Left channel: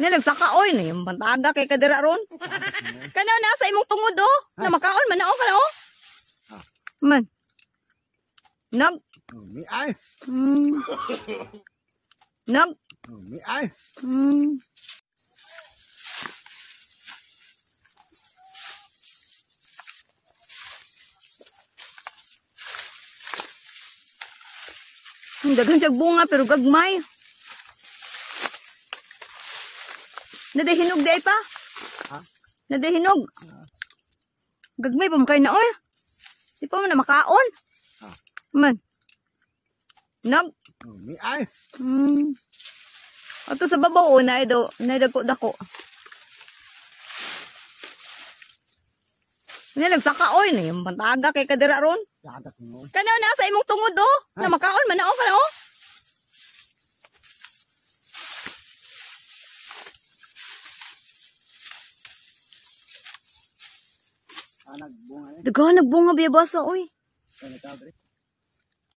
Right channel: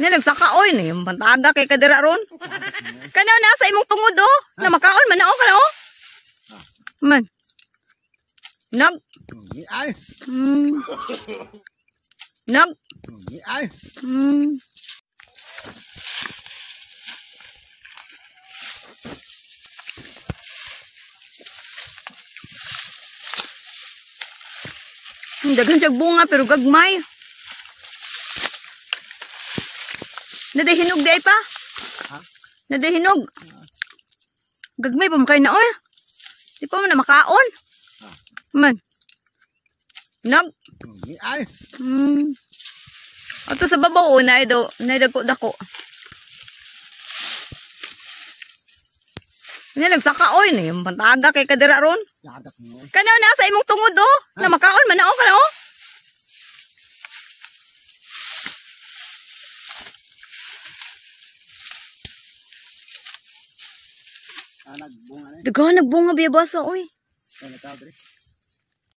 Nya nagsaka oy ni bantaga kay kadira ron. Kana nasa imong tungod oh. Na makaon man na kana oh. Man. Nag. Ni ai. Nag. Ni ai. Daghan siyang bunga pero gagmay. Nadahinog di ay pa? Ha? Nadahinog. Gagmay pa makay na oy. Di pa mo na makaon. Man. Nag. Ni ai. Ato sa babaw na ido, na dako. Nya nagsaka oy ni bantaga kay kadira ron. Yadak mo. Kana nasa imong tungod oh. Na makaon man na oh kana oh. Nagbunga na. Daghan nagbunga biya basa oy. Ano ta, bre?